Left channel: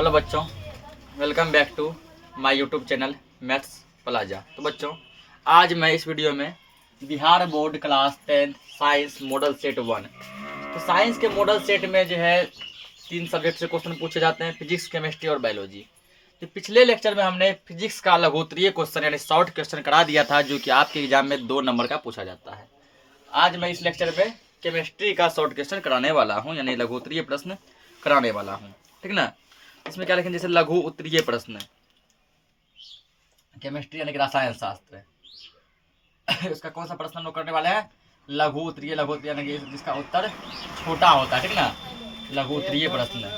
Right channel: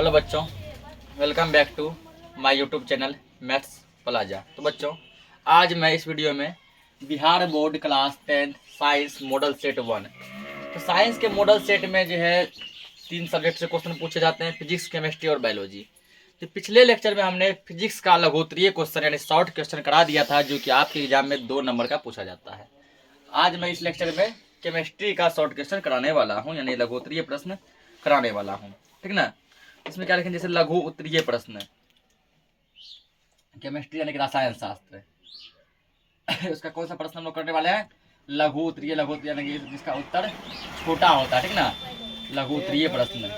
Hello बच्चों, welcome back to my YouTube channel maths plaza. तो बच्चों, आज मैं इस वीडियो में Bihar board class 10 science model set 1, तो साइंस के मॉडल सेट में जो है 3 सब्जेक्ट से क्वेश्चन पूछे जाते हैं, फिजिक्स, केमिस्ट्री और बायोलॉजी। तो पिछले लेक्चर में हमने फिजिक्स का लघुत्तरीय क्वेश्चन यानी शॉर्ट क्वेश्चन करा दिया था, जो कि आपके एग्जाम में 2 नंबर का पूछा जाता है। आज मैं इस लेक्चर में केमिस्ट्री का शॉर्ट क्वेश्चन कराने वाला हूँ, यानी लघुत्तरीय प्रश्न कराने वाला हूँ। ठीक ना। इसमें क्या लिखेंगे, जैसे लघु उत्तरीय प्रश्न, केमिस्ट्री यानी कि रसायन शास्त्र उसका कौन सा प्रश्न हम लोग करने वाले हैं, लघु उत्तरीय। लघु उत्तरीय यानी कि जिसका उत्तर छोटा होता है। ठीक ना, लघु उत्तरीय प्रश्न।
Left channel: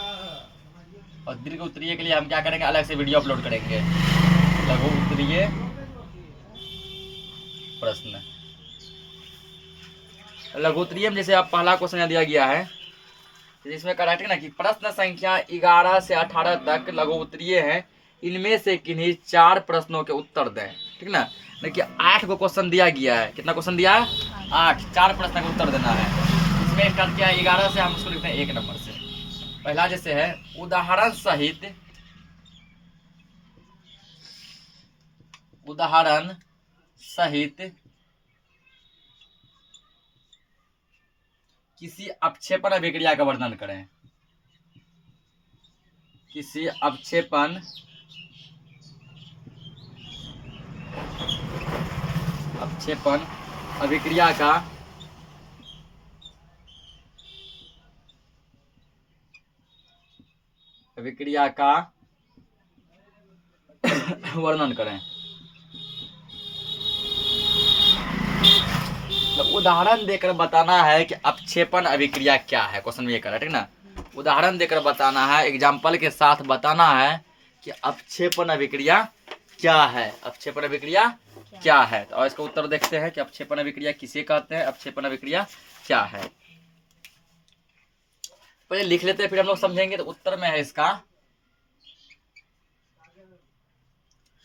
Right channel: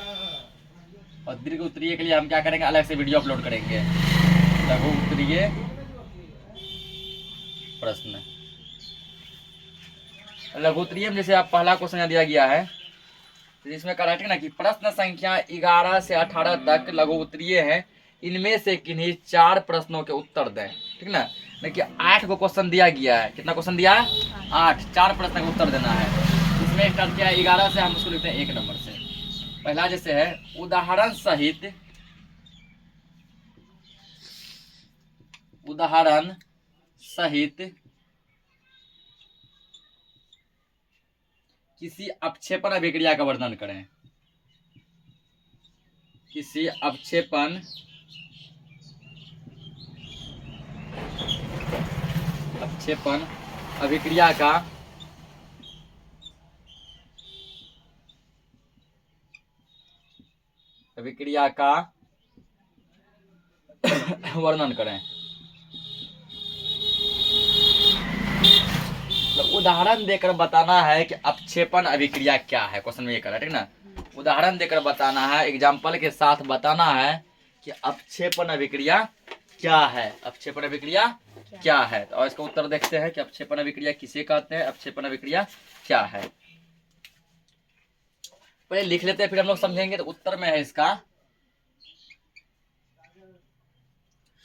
और दीर्घ उत्तरीय के लिए हम क्या करेंगे, अलग से वीडियो अपलोड करेंगे। लघु उत्तरीय प्रश्न, लघु उत्तरीय में जैसे आप पहला क्वेश्चन दिया गया है, जिसमें कहा है ना कि प्रश्न संख्या 11 से 18 तक लघु उत्तरीय है, इनमें से किन्हीं 4 प्रश्नों के उत्तर दें। ठीक ना। देखिए 8 को क्वेश्चन दिया गया है। कितना क्वेश्चन दिया है, 8। 4 प्रश्न का उत्तर देना है। इसमें कर क्या 11 से हम उसको लिखते हैं 1 नंबर से। पहला जैसे है, उदाहरण सहित किसी अपक्षेपण अभिक्रिया का वर्णन करें। किसी अपक्षेपण अभिक्रिया का वर्णन करें। तो उदाहरण देकर बताना है कि अपक्षेपण अभिक्रिया क्या है। क्वेश्चन में ये करा, ठीक ना। उदाहरण देकर बताना है, एग्जाम्पल के साथ बताना है कि अपक्षेपण अभिक्रिया क्या है। अपक्षेपण अभिक्रिया क्या है, और इसका उत्तर देखते हैं कि अपक्षेपण अभिक्रिया किसे कहते हैं, अपक्षेपण अभिक्रिया क्या है। पहले लिख लेते हैं, फिर हम लोग समझेंगे। तो उत्तर में है इसका,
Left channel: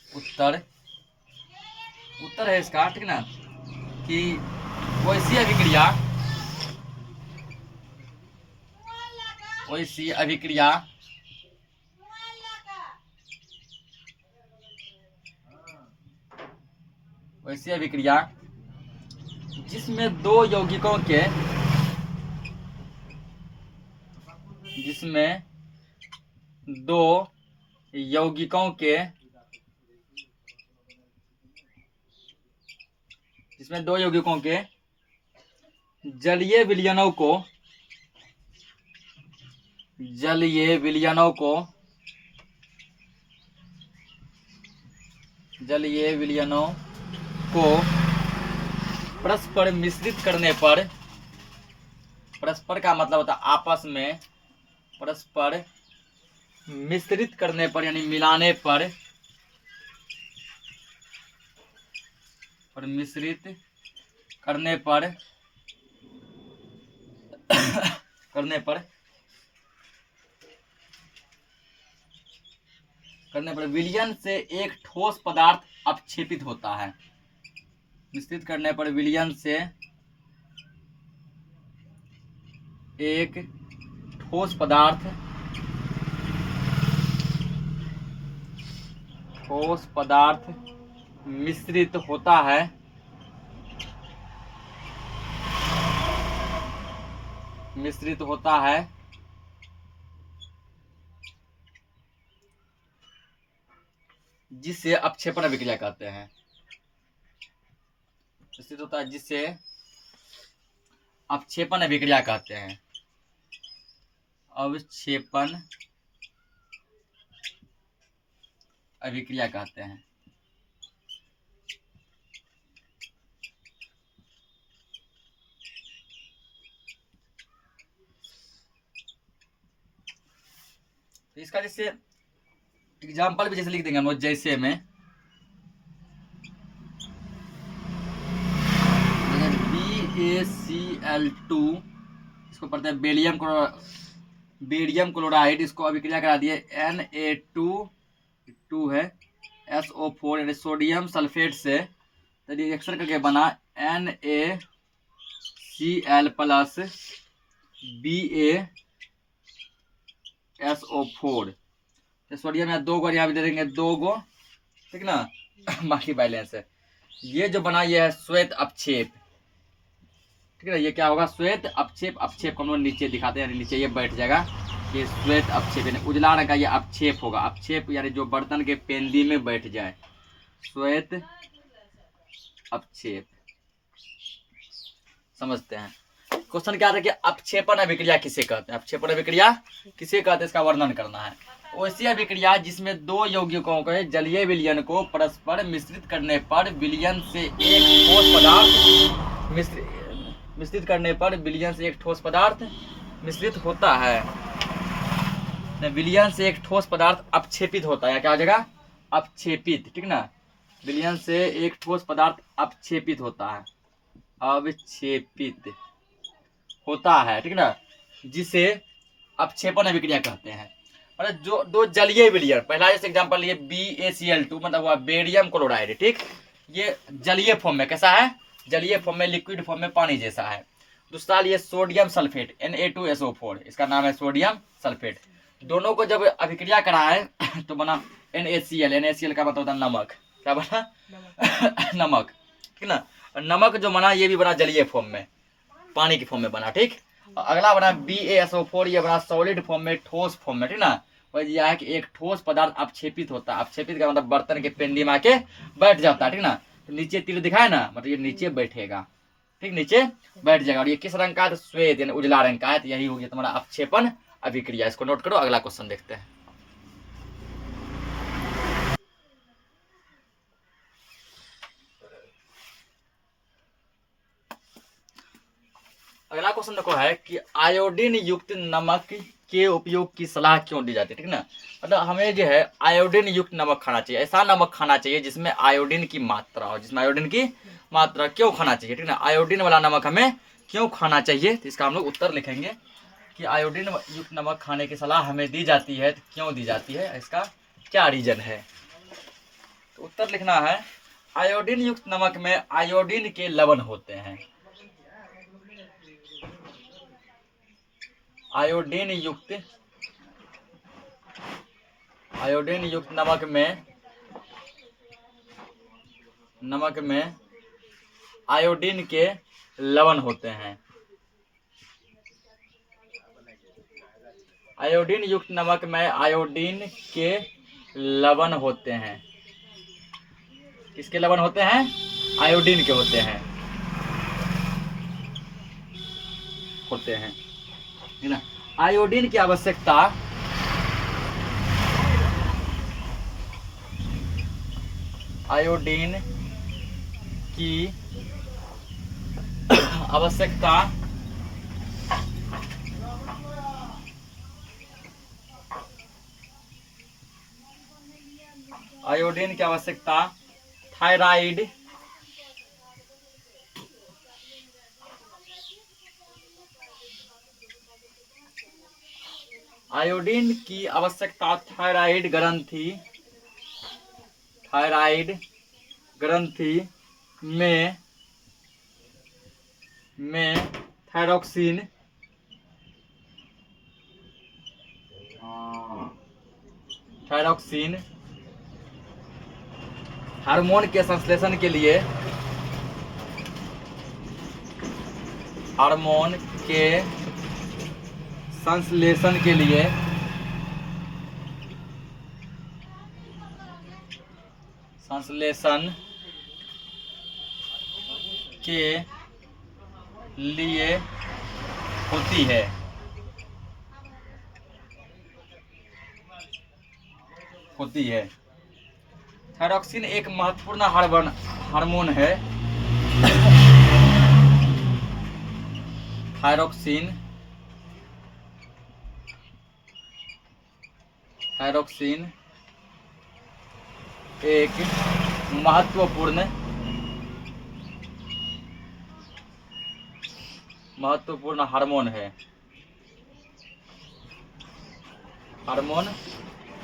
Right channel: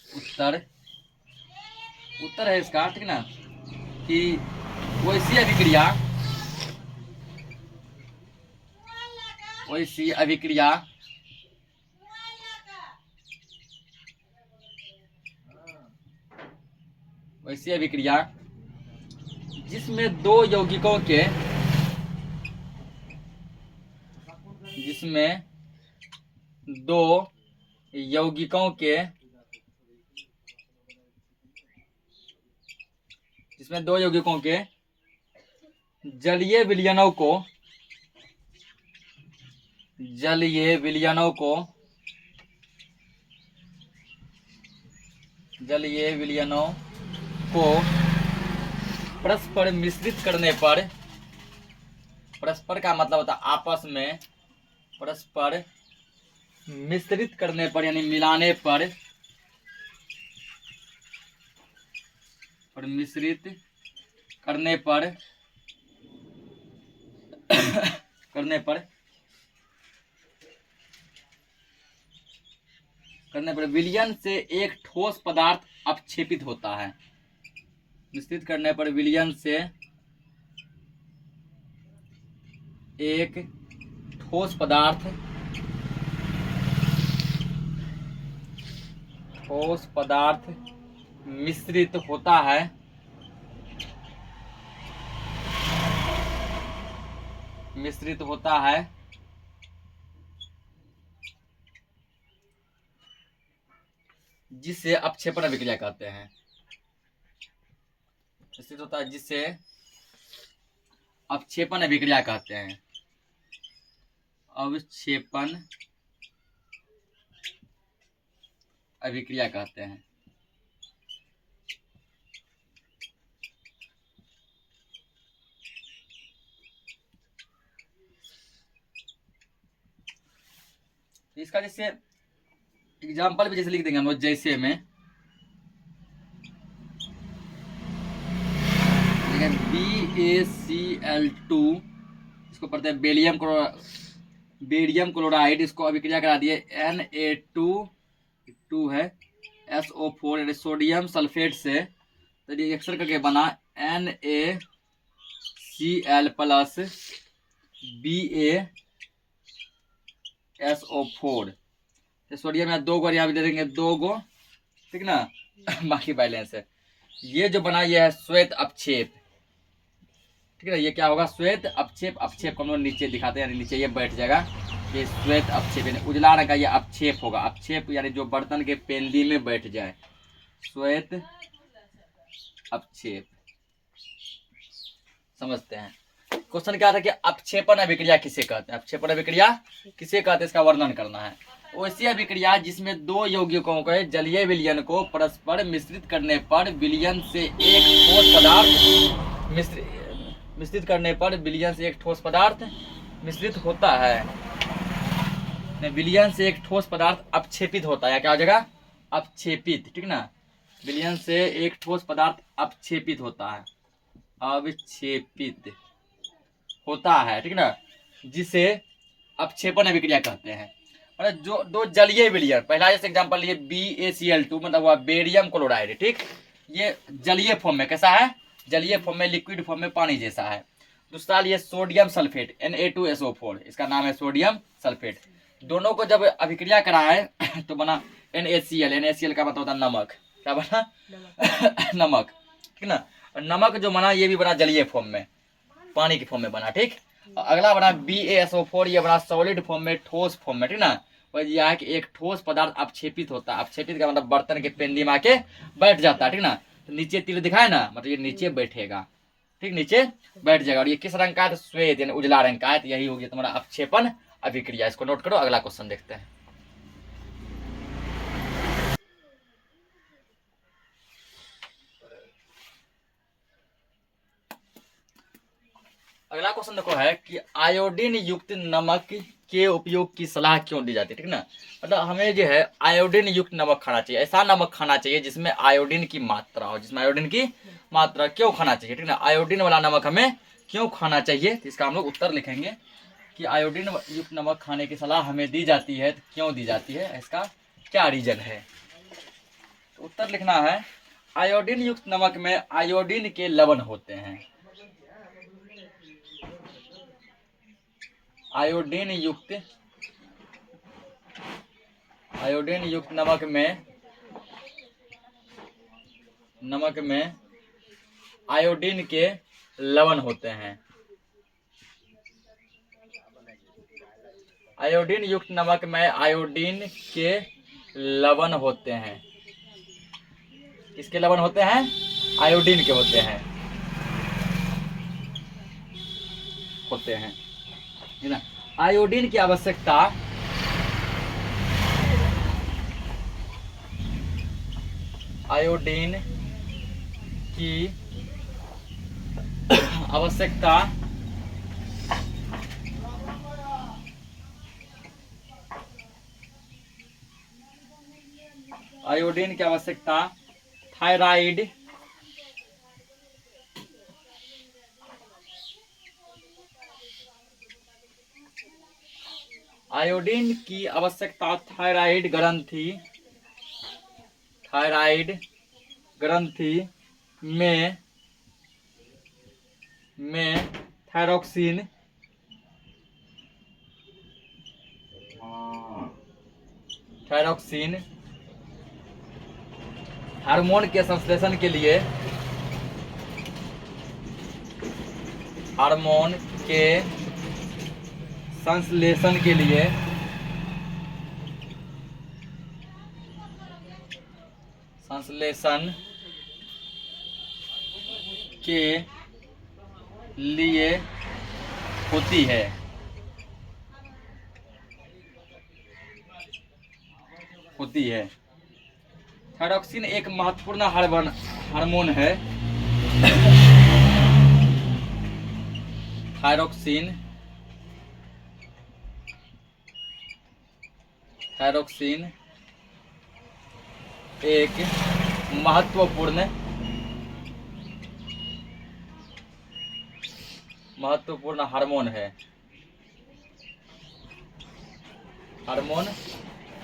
उत्तर है इसका, ठीक ना, कि वैसी अभिक्रिया जिसमें दो यौगिकों के जलीय विलयनों को परस्पर मिश्रित करने पर, परस्पर का मतलब होता है आपस में, परस्पर मिश्रित करने पर यानी मिलाने पर, मिश्रित करने पर विलयन से एक ठोस पदार्थ अपक्षेपित होता है। मिश्रित करने पर विलयन से एक ठोस पदार्थ मिश्रित होता है, जिसे अपक्षेपण अभिक्रिया कहते हैं। मिश्रित होता है जिसे अपक्षेपण अभिक्रिया कहते हैं। अवक्षेपण अभिक्रिया कहते हैं। तो इसका जैसे एग्जाम्पल भी जैसे लिख देंगे हम लोग, जैसे में BaCl2, इसको पढ़ते हैं बेरियम क्लोराइड, इसको अभिक्रिया करा दिए Na2 है SO4 यानी सोडियम सल्फेट से, तो रिएक्शन करके बना NaCl प्लस BaSO4। तो सोडियम यहाँ 2 गो, यहाँ भी दे देंगे 2 गो, ठीक ना। बाकी बैलेंस है। ये जो बना ये है श्वेत अपक्षेप, ठीक है। ये क्या होगा, श्वेत अपक्षेप। अपक्षेप को हम लोग नीचे दिखाते हैं, यानी नीचे ये बैठ जाएगा। ये श्वेत अपक्षेप यानी उजला रंग का ये अपक्षेप होगा। अपक्षेप यानी जो बर्तन के पेंदी में बैठ जाए, श्वेत अपक्षेप। समझते हैं। क्वेश्चन क्या था कि अपक्षेपण अभिक्रिया किसे कहते हैं। अपक्षेपण अभिक्रिया किसे कहते हैं, इसका वर्णन करना है। वैसी अभिक्रिया जिसमें 2 यौगिकों के जलीय विलयन को परस्पर मिश्रित करने पर विलयन से एक ठोस पदार्थ मिश्रित करने पर विलयन से एक ठोस पदार्थ मिश्रित होता है। विलयन से एक ठोस पदार्थ अपक्षेपित होता है। क्या हो जाएगा, अपक्षेपित, ठीक ना। विलयन से एक ठोस पदार्थ अपक्षेपित होता है, अवक्षेपित होता है, ठीक ना, जिसे अपक्षेपण अभिक्रिया कहते हैं। मतलब जो 2 जलीय विलयन, पहला जैसे एग्जांपल लिए BaCl2 मतलब हुआ बेरियम क्लोराइड, ठीक। ये जलीय फॉर्म में कैसा है, जलीय फॉर्म में, लिक्विड फॉर्म में पानी जैसा है। दूसरा लिए सोडियम सल्फेट Na2SO4, इसका नाम है सोडियम सल्फेट। दोनों को जब अभिक्रिया कराए तो बना NaCl। NaCl का मतलब होता है नमक। क्या बना, नमक, ठीक ना। नमक जो बना ये भी बना जलीय फॉर्म में, पानी की फॉर्म में बना, ठीक। अगला बना BaSO4, ये बना सॉलिड फॉर्म में, ठोस फॉर्म में, ठीक ना। वही यह है कि एक ठोस पदार्थ अपक्षेपित होता है। अपक्षेपित का मतलब बर्तन के पेंदी में आके बैठ जाता है, ठीक ना। तो नीचे तीर दिखाए ना, मतलब ये नीचे बैठेगा, ठीक, नीचे बैठ जाएगा। और ये किस रंग का है, तो श्वेत यानी उजला रंग का है। तो यही हो गया तुम्हारा अपक्षेपण अभिक्रिया। इसको नोट करो। अगला क्वेश्चन देखते हैं। अगला क्वेश्चन देखो है कि आयोडीन युक्त नमक के उपयोग की सलाह क्यों दी जाती है, ठीक ना। मतलब हमें जो है आयोडीन युक्त नमक खाना चाहिए। ऐसा नमक खाना चाहिए जिसमें आयोडीन की मात्रा हो, जिसमें आयोडीन की मात्रा। क्यों खाना चाहिए, ठीक ना, आयोडीन वाला नमक हमें क्यों खाना चाहिए। तो इसका हम लोग उत्तर लिखेंगे कि आयोडीन युक्त नमक खाने की सलाह हमें दी जाती है। तो क्यों दी जाती है, इसका क्या रीजन है। तो उत्तर लिखना है, आयोडीन युक्त नमक में आयोडीन के लवण होते हैं। आयोडीन युक्त नमक में आयोडीन के लवण होते हैं। आयोडीन युक्त नमक में आयोडीन के लवण होते हैं। किसके लवण होते हैं, आयोडीन के होते हैं, है ना। आयोडीन की आवश्यकता आयोडीन की आवश्यकता आयोडीन की आवश्यकता थायराइड आयोडीन की आवश्यकता थायराइड ग्रंथि में थायरोक्सिन हार्मोन के संश्लेषण के लिए होती है। थायरोक्सिन एक महत्वपूर्ण हार्मोन है। थायरोक्सिन एक महत्वपूर्ण हार्मोन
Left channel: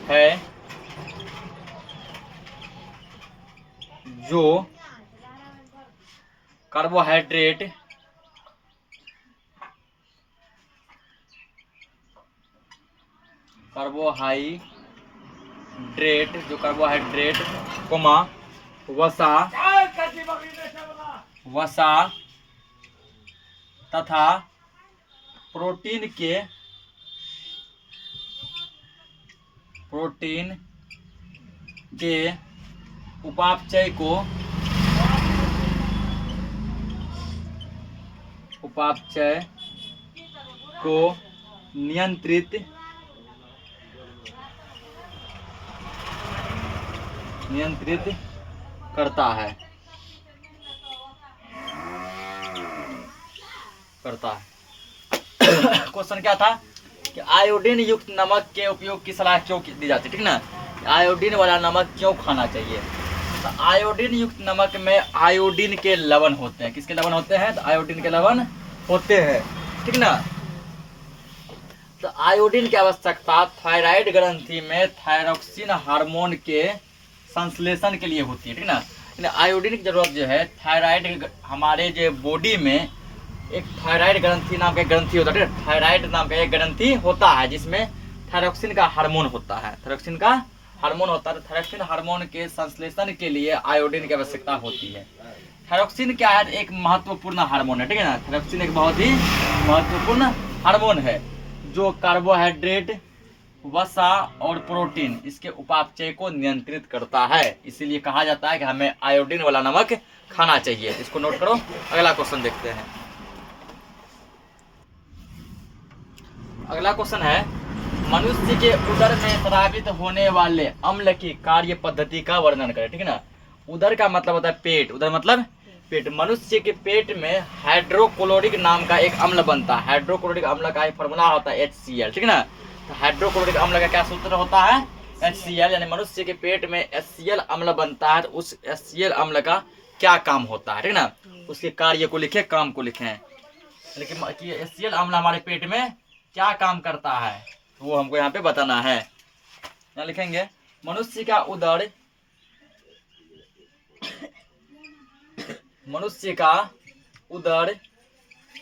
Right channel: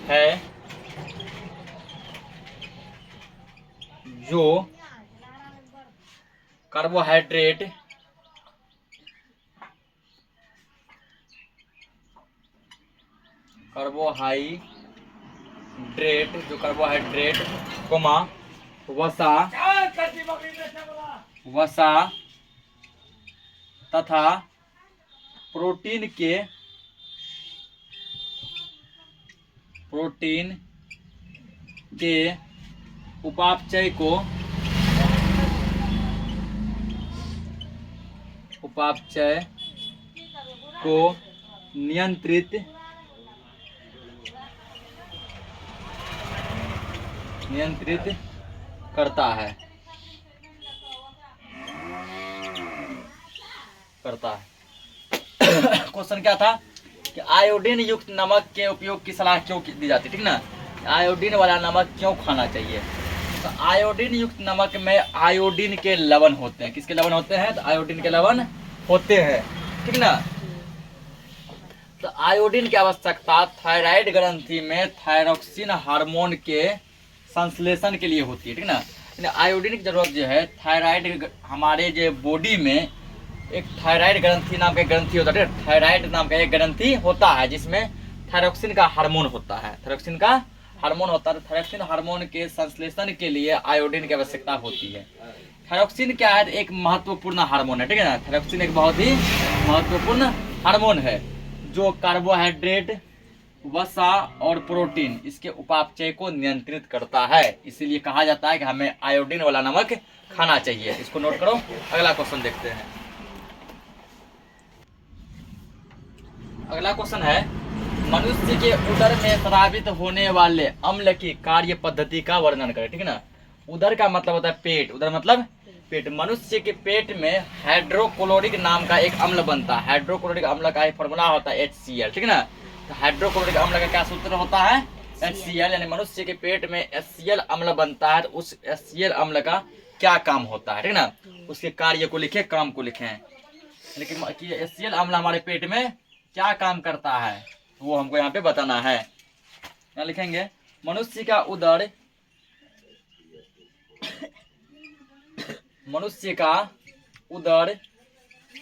है जो कार्बोहाइड्रेट ड्रेट जो कार्बोहाइड्रेट कोमा वसा वसा तथा प्रोटीन के उपापचय को नियंत्रित करता है क्वेश्चन क्या था कि आयोडीन युक्त नमक के उपयोग की सलाह क्यों दी जाती है, ठीक ना। आयोडीन वाला नमक क्यों खाना चाहिए। तो आयोडीन युक्त नमक में आयोडीन के लवण होते हैं। किसके लवण होते हैं। तो आयोडीन के लवण होते हैं, ठीक ना। तो आयोडीन की आवश्यकता थायराइड ग्रंथि में थायरोक्सिन हार्मोन के संश्लेषण के लिए होती है, ठीक ना। आयोडीन की जरूरत जो है थायराइड, हमारे जो बॉडी में एक थायराइड ग्रंथि नाम का एक ग्रंथि होता है, थायराइड नाम का एक ग्रंथि होता है जिसमें थायरोक्सिन का हार्मोन होता है। थायरोक्सिन हार्मोन के संश्लेषण के लिए आयोडीन की आवश्यकता होती है। थायरोक्सिन क्या है, एक महत्वपूर्ण हार्मोन है, ठीक है ना। थायरोक्सिन एक बहुत ही महत्वपूर्ण हार्मोन है जो कार्बोहाइड्रेट, वसा और प्रोटीन इसके उपापचय को नियंत्रित करता है। इसीलिए कहा जाता है कि हमें आयोडीन वाला नमक खाना चाहिए। इसको नोट करो। अगला क्वेश्चन देखते हैं। अगला क्वेश्चन है, मनुष्य के उदर में स्रावित होने वाले अम्ल की कार्य पद्धति का वर्णन करें, ठीक है ना। उदर का मतलब होता है पेट, उदर मतलब पेट। मनुष्य के पेट में हाइड्रोक्लोरिक नाम का एक अम्ल बनता है। हाइड्रोक्लोरिक अम्ल का एक फॉर्मूला होता है HCl, ठीक है ना। तो हाइड्रोक्लोरिक अम्ल का क्या सूत्र होता है, HCl। यानी मनुष्य के पेट में HCl अम्ल बनता है। तो उस HCl अम्ल का क्या काम होता है, ठीक है ना। उसके कार्य को लिखे, काम को लिखे। लेकिन HCl अम्ल हमारे पेट में क्या काम करता है वो हमको यहाँ पे बताना है। यहाँ लिखेंगे, मनुष्य का उदर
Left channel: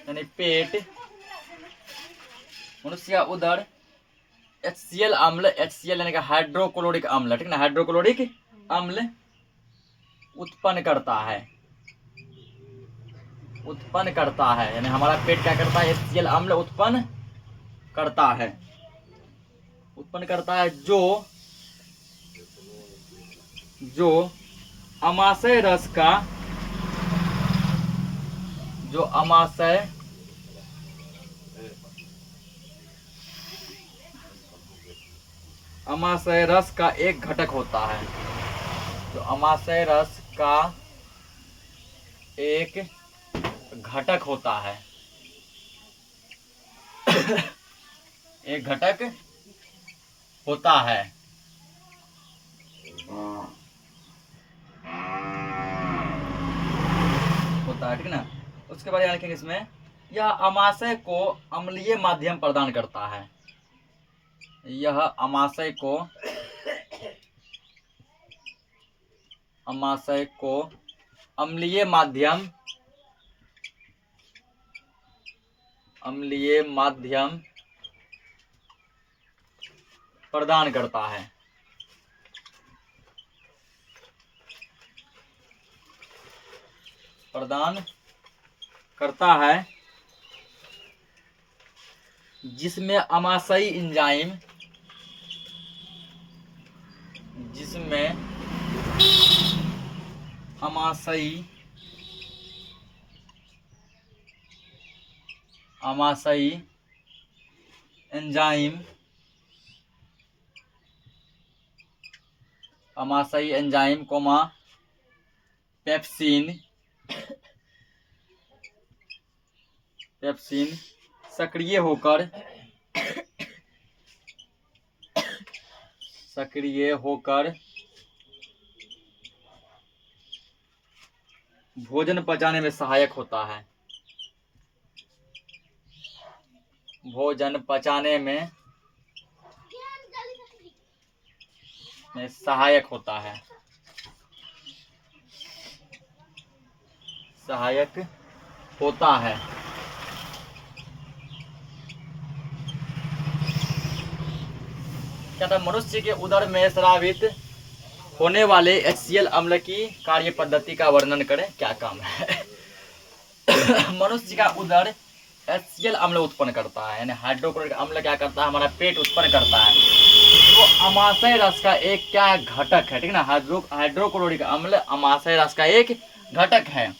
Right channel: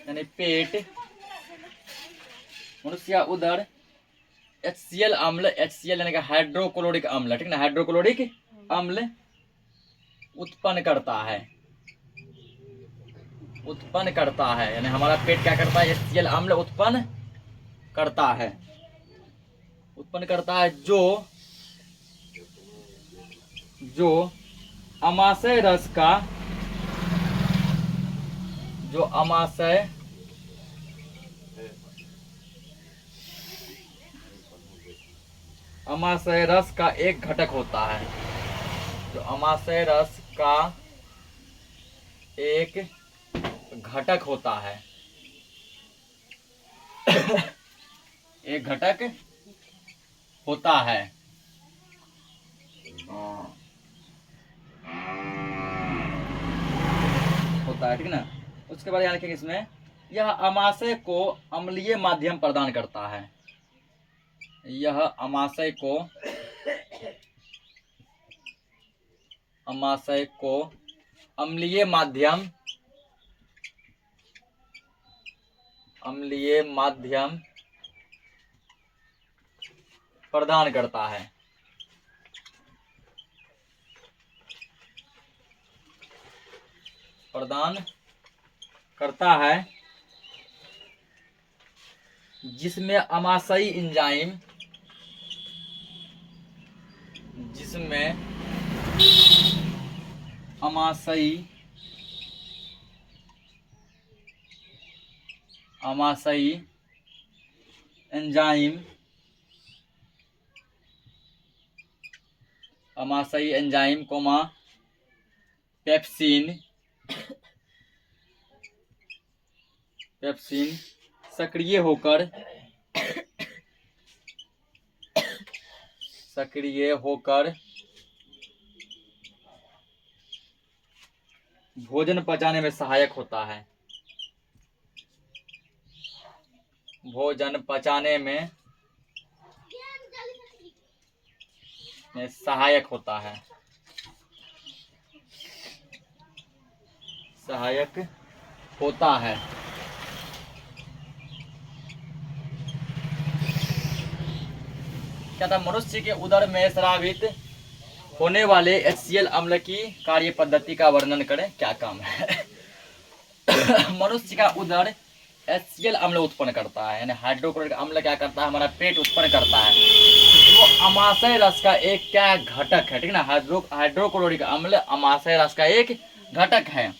यानी पेट, मनुष्य का उदर HCl अम्ल, HCl यानी कि हाइड्रोक्लोरिक अम्ल, ठीक ना। हाइड्रोक्लोरिक अम्ल उत्पन्न करता है, यानी हमारा पेट क्या करता है, HCl अम्ल उत्पन्न करता है जो अमाशय रस का एक घटक होता है। तो अमाशय रस का एक घटक होता है एक घटक होता है, ठीक ना। उसके बाद यहाँ लिखेंगे इसमें, यह अमाशय को अम्लीय माध्यम प्रदान करता है। यह अमाशय को अम्लीय माध्यम प्रदान करता है, जिसमें अमाशयी एंजाइम पेप्सिन सक्रिय होकर भोजन पचाने में सहायक होता है। सहायक होता है। क्या था, मनुष्य के उदर में स्रावित होने वाले HCl अम्ल की कार्य पद्धति का वर्णन करें, क्या काम है। मनुष्य का उदर HCl अम्ल उत्पन्न करता है, यानी हाइड्रोक्लोरिक अम्ल क्या करता है, हमारा पेट उत्पन्न करता है, जो अमाशय रस का एक क्या घटक है, ठीक ना। हाइड्रोक्लोरिक अम्ल अमाशय रस का एक घटक है।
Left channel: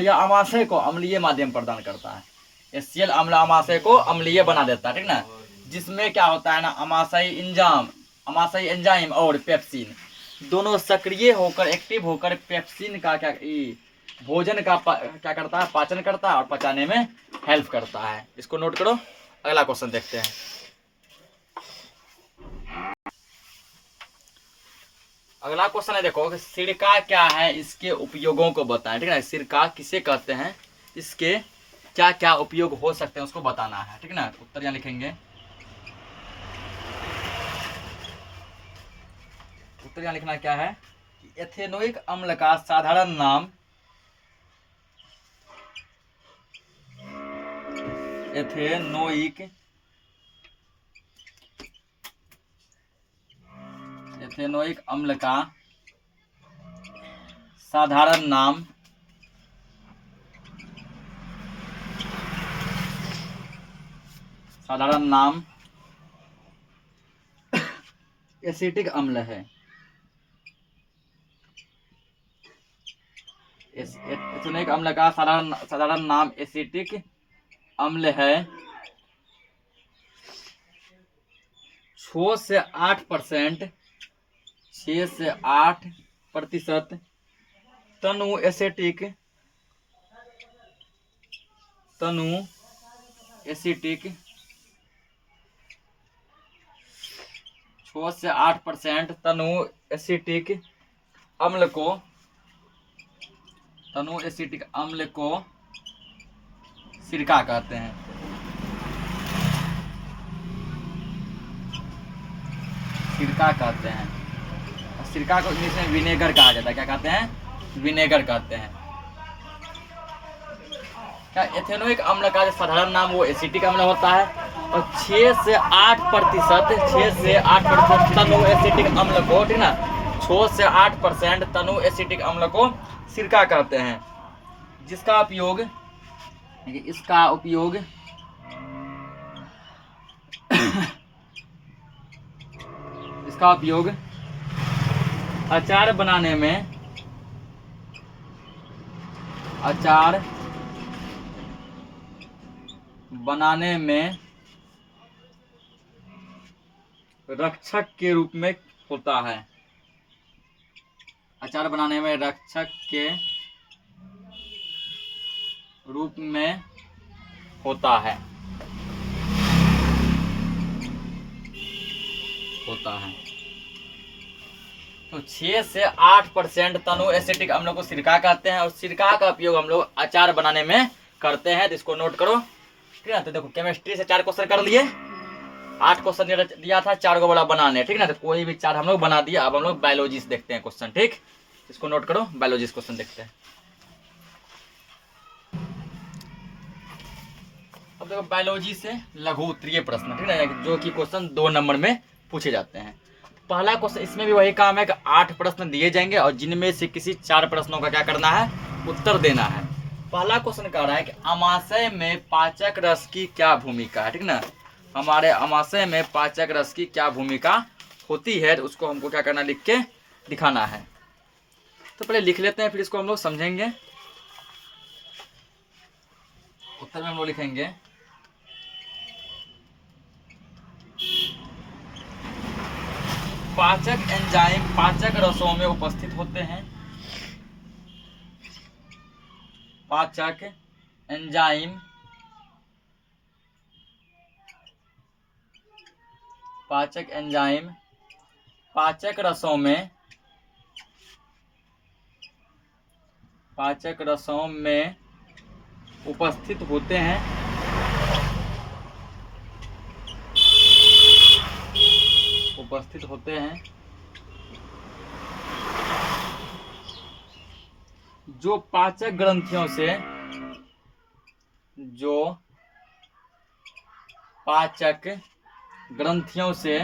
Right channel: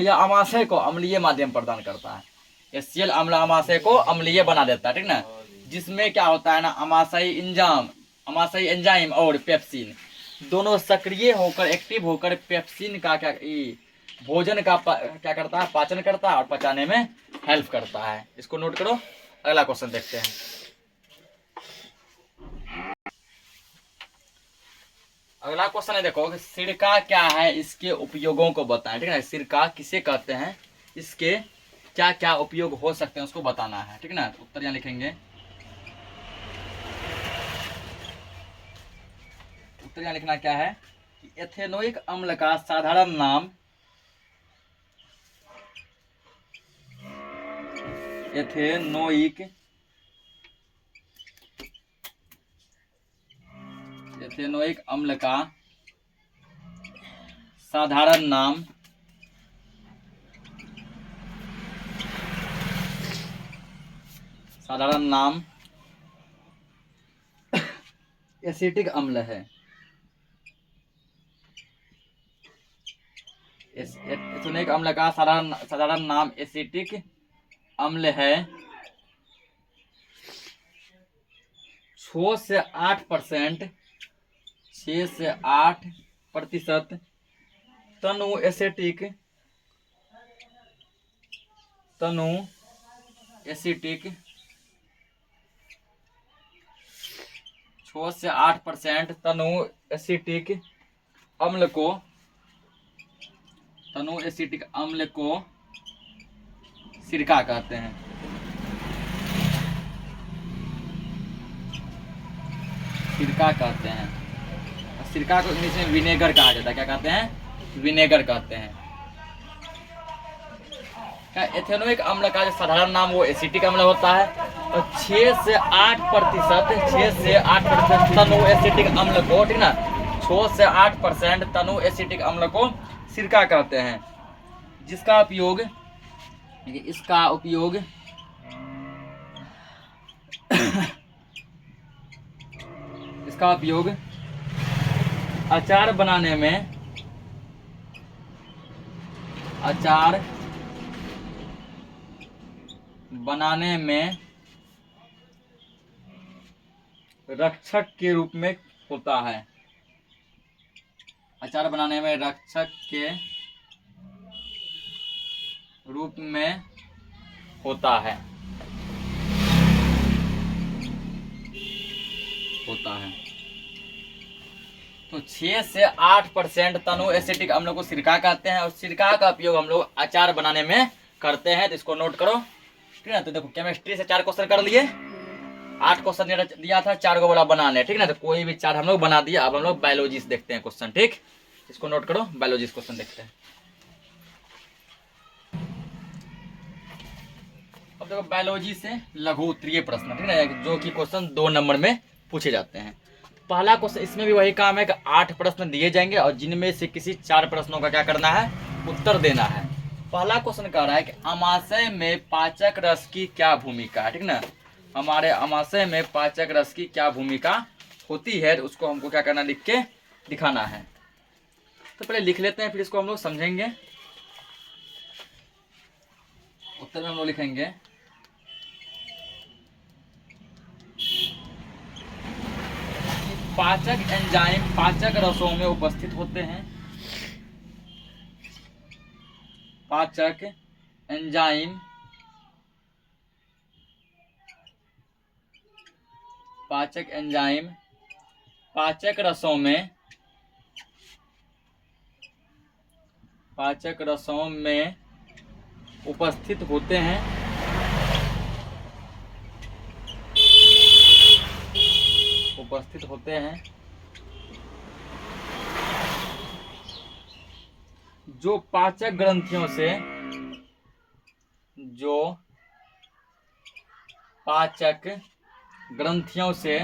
यह अमाशय को अम्लीय माध्यम प्रदान करता है। HCl अम्ल अमाशय को अम्लीय बना देता है, ठीक ना। जिसमें क्या होता है ना, अमाशय एंजाइम और पेप्सिन दोनों सक्रिय होकर, एक्टिव होकर पेप्सिन का क्या भोजन का क्या करता है, पाचन करता है और पचाने में हेल्प करता है। इसको नोट करो। अगला क्वेश्चन देखते हैं। अगला क्वेश्चन है, देखो कि सिरका क्या है, इसके उपयोगों को बताएं, ठीक है ना। सिरका किसे कहते हैं, इसके क्या क्या उपयोग हो सकते हैं, उसको बताना है, ठीक है ना। उत्तर यहाँ लिखेंगे, उत्तर यहाँ लिखना क्या है कि एथेनोइक अम्ल का साधारण नाम एथेनोइक अम्ल का साधारण नाम एसिटिक अम्ल है। एथेनोइक अम्ल का साधारण नाम एसिटिक अम्ल है। 6 से 8% तनु एसिटिक 6 से 8% तनु एसिटिक अम्ल को सिरका कहते हैं। सिरका को इंग्लिश में विनेगर कहा जाता है। क्या कहते हैं, विनेगर कहते हैं। क्या एथेनोइक अम्ल का जो साधारण नाम वो एसिटिक अम्ल होता है, और 6 से 8% तनु एसिटिक अम्ल को, ठीक ना, 6 से 8% तनु एसिटिक अम्ल को सिरका कहते हैं। जिसका उपयोग, इसका उपयोग अचार बनाने में रक्षक के रूप में होता है। अचार बनाने में रक्षक के रूप में होता है। तो 6 से 8% तनु एसिटिक अम्ल को सिरका कहते हैं, और सिरका का उपयोग हम लोग अचार बनाने में करते हैं। तो इसको नोट करो, ठीक है ना। तो देखो, केमिस्ट्री से 4 क्वेश्चन कर लिए, 8 क्वेश्चन दिया था, 4 को बोला बनाने, ठीक है ना। तो कोई भी 4 हम लोग बना दिया। अब हम लोग बायोलॉजी से देखते हैं क्वेश्चन, ठीक। इसको नोट करो, बायोलॉजी क्वेश्चन देखते हैं। अब देखो, बायोलॉजी से लघु उत्तरीय प्रश्न, ठीक है, जो कि क्वेश्चन 2 नंबर में पूछे जाते हैं। पहला क्वेश्चन, इसमें भी वही काम है कि 8 प्रश्न दिए जाएंगे और जिनमें से किसी 4 प्रश्नों का क्या करना है, उत्तर देना है। पहला क्वेश्चन कह रहा है कि अमाशय में पाचक रस की क्या भूमिका है, ठीक ना। हमारे अमाशय में पाचक रस की क्या भूमिका होती है, तो उसको हमको क्या करना, लिख के दिखाना है। तो पहले लिख लेते हैं, फिर इसको हम लोग समझेंगे। उत्तर में हम लोग लिखेंगे, पाचक एंजाइम पाचक रसों में उपस्थित होते हैं। पाचक एंजाइम पाचक रसों में उपस्थित होते हैं। जो पाचक पाचक ग्रंथियों से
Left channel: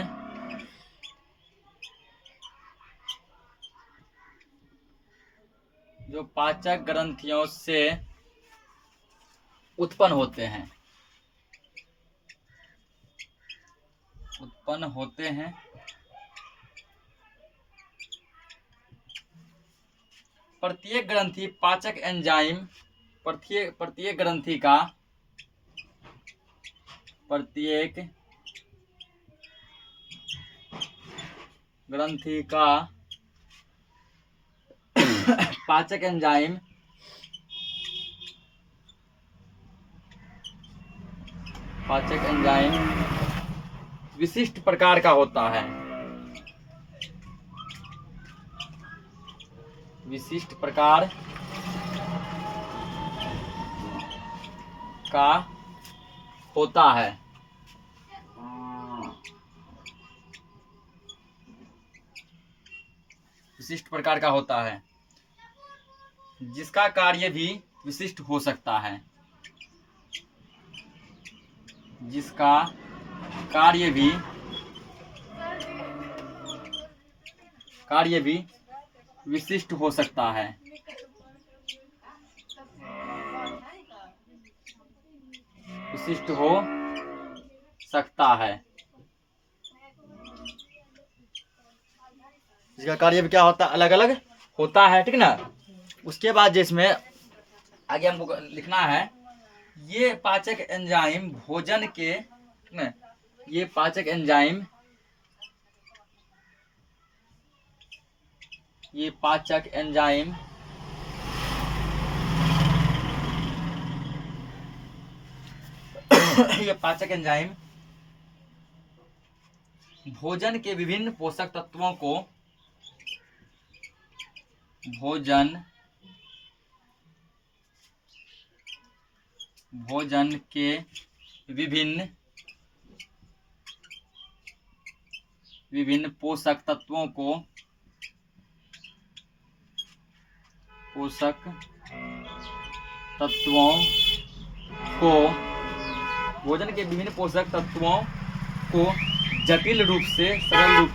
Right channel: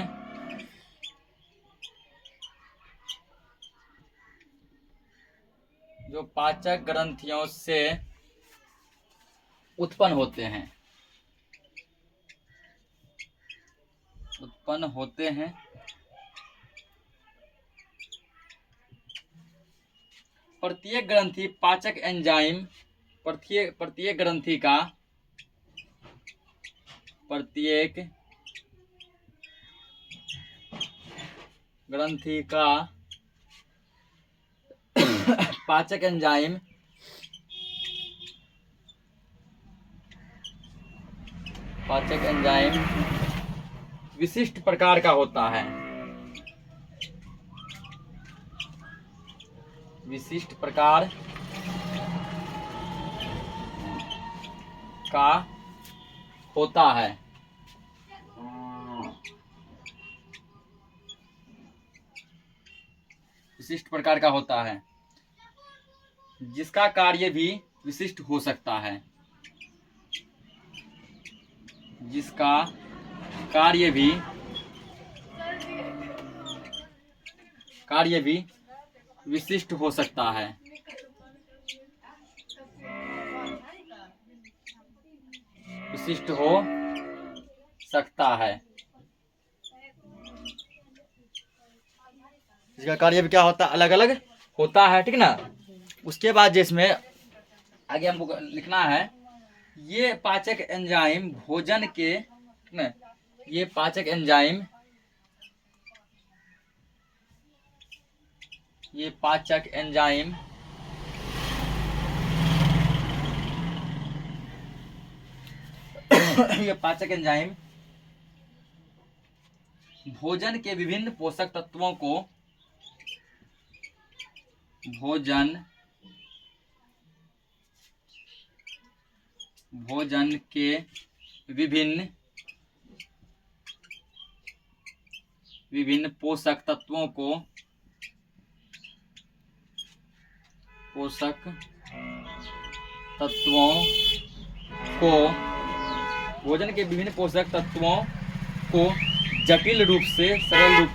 उत्पन्न होते हैं प्रत्येक ग्रंथि पाचक एंजाइम प्रत्येक ग्रंथि का पाचक एंजाइम विशिष्ट प्रकार का होता है। विशिष्ट प्रकार का होता है। विशिष्ट प्रकार का होता है जिसका कार्य भी विशिष्ट हो सकता है। जिसका कार्य भी विशिष्ट हो सकता है। विशिष्ट हो सकता है। इसका कार्य भी क्या होता है, अलग अलग होता है, ठीक ना। उसके बाद जिसमें आगे हमको लिखना है, ये पाचक एंजाइम भोजन के न, ये पाचक एंजाइम ये पाचक एंजाइम भोजन के विभिन्न पोषक तत्वों को भोजन के विभिन्न पोषक तत्वों को भोजन के विभिन्न पोषक तत्वों को जटिल रूप से सरल रूप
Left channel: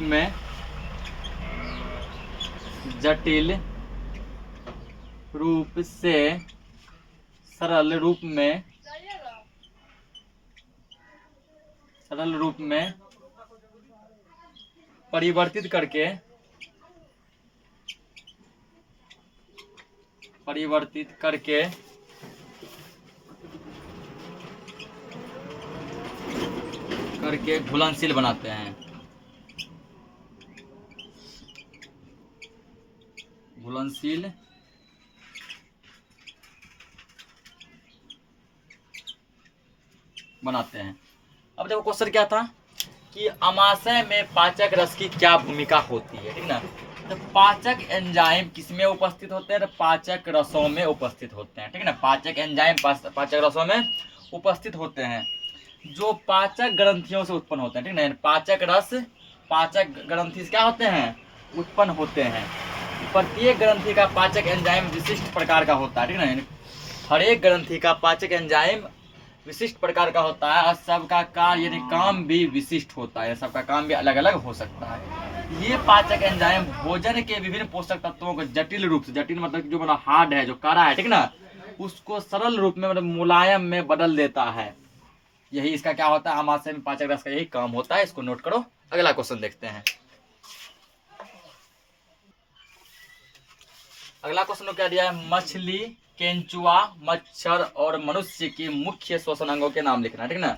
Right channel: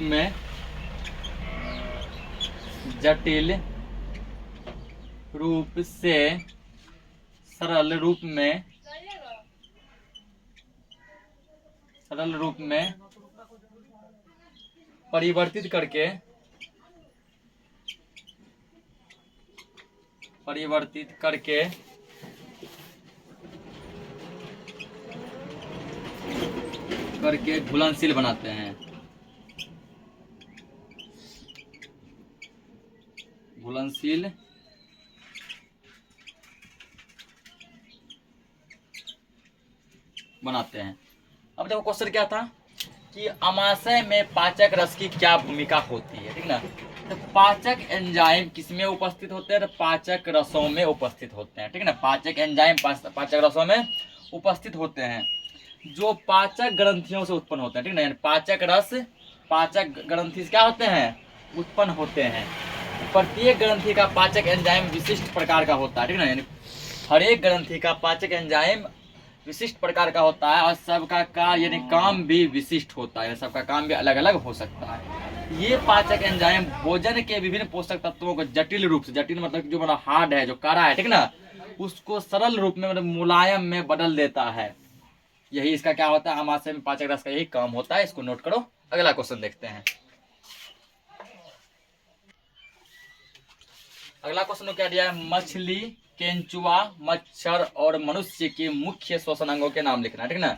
में परिवर्तित करके घुलनशील बनाते हैं। घुलनशील बनाते हैं। अब देखो क्वेश्चन क्या था कि अमाशय में पाचक रस की क्या भूमिका होती है, ठीक ना। तो पाचक एंजाइम किसमें उपस्थित होते हैं, तो पाचक रसों में उपस्थित होते हैं, ठीक है ना। पाचक एंजाइम पाचक रसों में उपस्थित होते हैं जो पाचक ग्रंथियों से उत्पन्न होते हैं, ठीक ना। पाचक रस पाचक ग्रंथि से क्या होते हैं, उत्पन्न होते हैं। प्रत्येक ग्रंथि का पाचक एंजाइम विशिष्ट प्रकार का होता है, ठीक ना। हर एक ग्रंथि का पाचक एंजाइम विशिष्ट प्रकार का होता है और सबका कार्य यानी काम भी विशिष्ट होता है। सबका काम भी अलग अलग हो सकता है। ये पाचक एंजाइम भोजन के विभिन्न पोषक तत्वों को जटिल रूप से, जटिल मतलब जो मतलब हार्ड है, जो कड़ा है, ठीक ना, उसको सरल रूप में मतलब मुलायम में बदल देता है। यही इसका क्या होता है, अमाशय में पाचक रस का यही काम होता है। इसको नोट करो। अगला क्वेश्चन देखते हैं। अगला क्वेश्चन क्या दिया है, मछली, केंचुआ, मच्छर और मनुष्य की मुख्य श्वसन अंगों के नाम लिखना है, ठीक ना।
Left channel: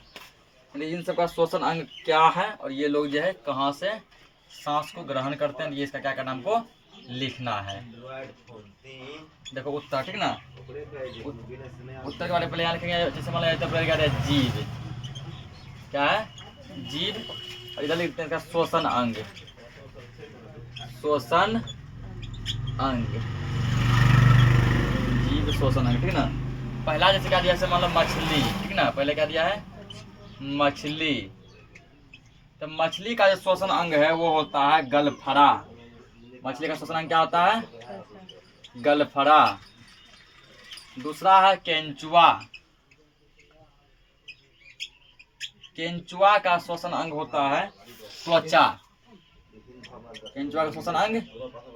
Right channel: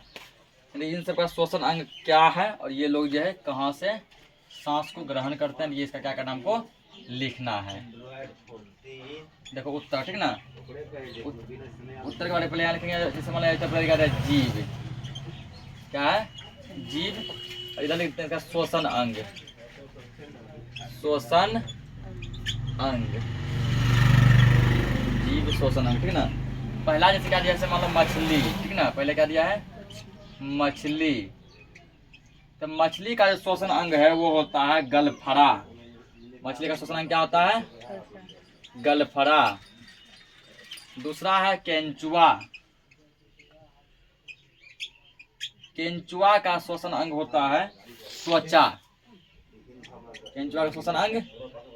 इन सबका श्वसन अंग क्या है और ये लोग जो है कहाँ से सांस को ग्रहण करते हैं, ये इसका क्या करना हमको लिखना है। देखो उत्तर, ठीक ना। उत्तर के वाले पहले यहाँ लिखेंगे, जैसे मान लिया क्या है, जीव, क्या है, जीव। और इधर लिखते हैं श्वसन अंग, श्वसन अंग, जीव श्वसन अंग, ठीक ना। पहला जैसे क्या दिया, जैसे मान लो मछली, ठीक ना। पहले क्या दिया है, मछली। तो मछली का जो श्वसन अंग है वो होता है गलफड़ा। मछली का श्वसन अंग क्या होता है, गलफड़ा। दूसरा है केंचुआ। केंचुआ का श्वसन अंग होता है त्वचा। केंचुआ का श्वसन अंग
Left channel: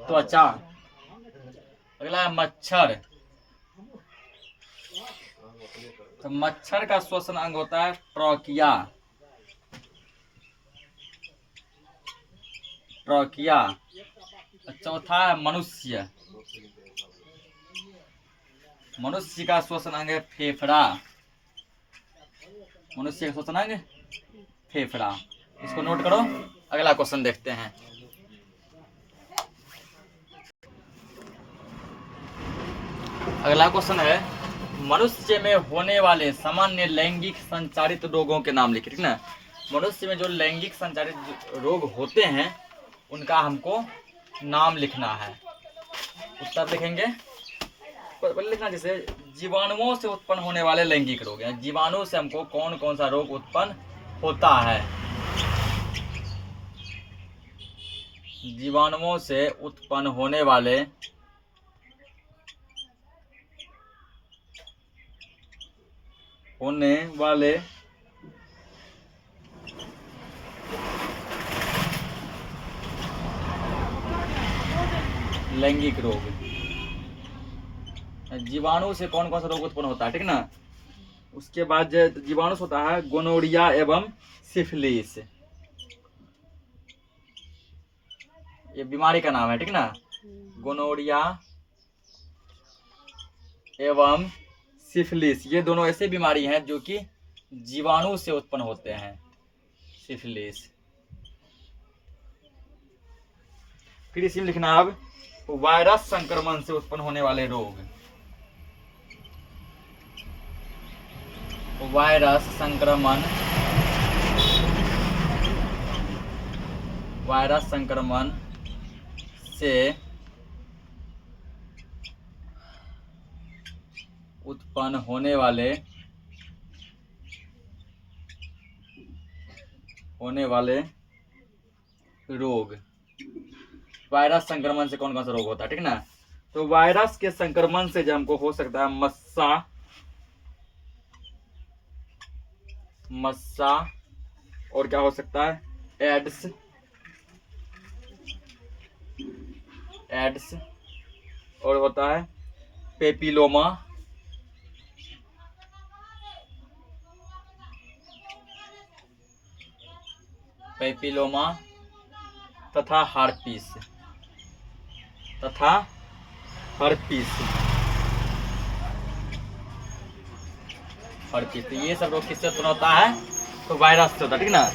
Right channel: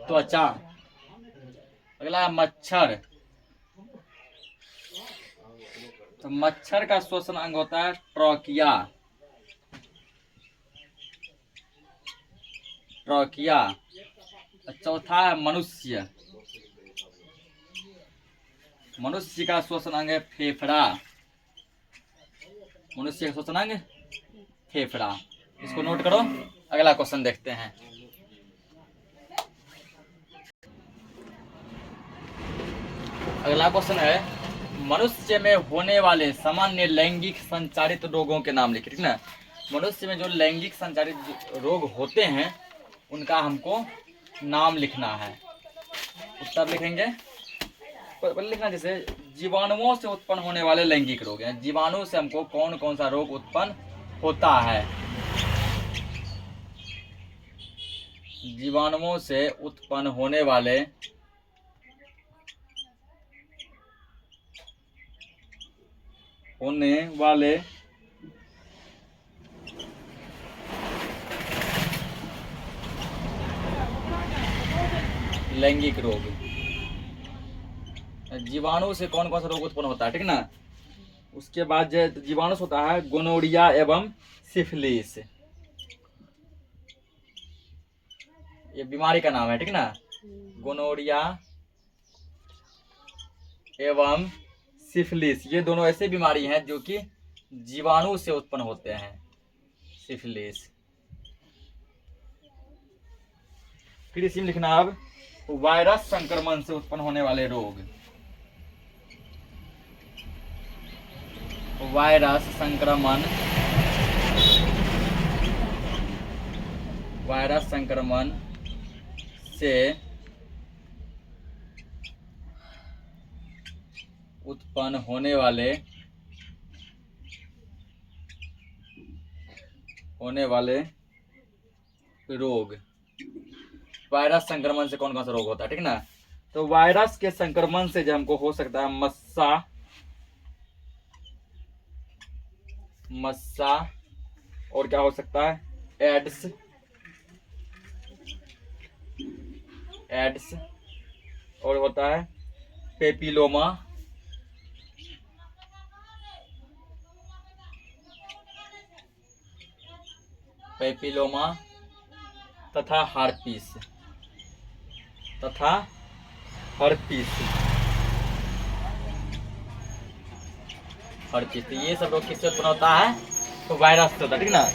त्वचा। अगला है मच्छर। तो मच्छर का श्वसन अंग होता है ट्रॉकिया। ट्रॉकिया। चौथा है मनुष्य। मनुष्य का श्वसन अंग है फेफड़ा। मनुष्य का श्वसन अंग फेफड़ा। इसको नोट करो। अगला क्वेश्चन देखते हैं। अगला क्वेश्चन है मनुष्य में होने वाले सामान्य लैंगिक संचारित रोगों के नाम लिखिए, ठीक ना। मनुष्य में जो लैंगिक संचारित रोग होते हैं उनका हमको नाम लिखना है। उत्तर लिखेंगे लिखना, जैसे जीवाणुओं से उत्पन्न होने वाले लैंगिक रोग हैं। जीवाणु से हमको कौन कौन सा रोग उत्पन्न होता है। जीवाणुओं से उत्पन्न होने वाले लैंगिक रोग। जीवाणु से कौन कौन सा रोग उत्पन्न होता है, ठीक ना। उसके बाद जीवाणु से होता है गोनोरिया एवं सिफिलिस। ये बीमारी का नाम है, ठीक ना। गोनोरिया एवं सिफिलिस, ये दोनों ऐसे बीमारी हैं जो कि जीवाणु से उत्पन्न होते हैं। सिफिलिस। फिर इसी में लिखना अब वायरस संक्रमण से उत्पन्न होने वाले रोग। वायरस संक्रमण से उत्पन्न होने वाले रोग। वायरस संक्रमण से कौन कौन सा रोग होता है, ठीक ना। तो वायरस के संक्रमण से जो हमको हो सकता है मस्सा, और क्या हो सकता है एड्स, और होता है पेपिलोमा, तथा हार्पिस। तो ये सब रोग किससे उत्पन्न होता है, तो वायरस से होता है, ठीक ना।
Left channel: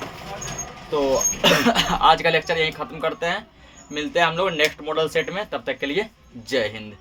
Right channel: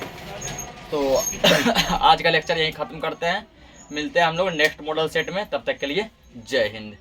तो आज का लेक्चर यहीं खत्म करते हैं। मिलते हैं हम लोग नेक्स्ट मॉडल सेट में। तब तक के लिए जय हिंद।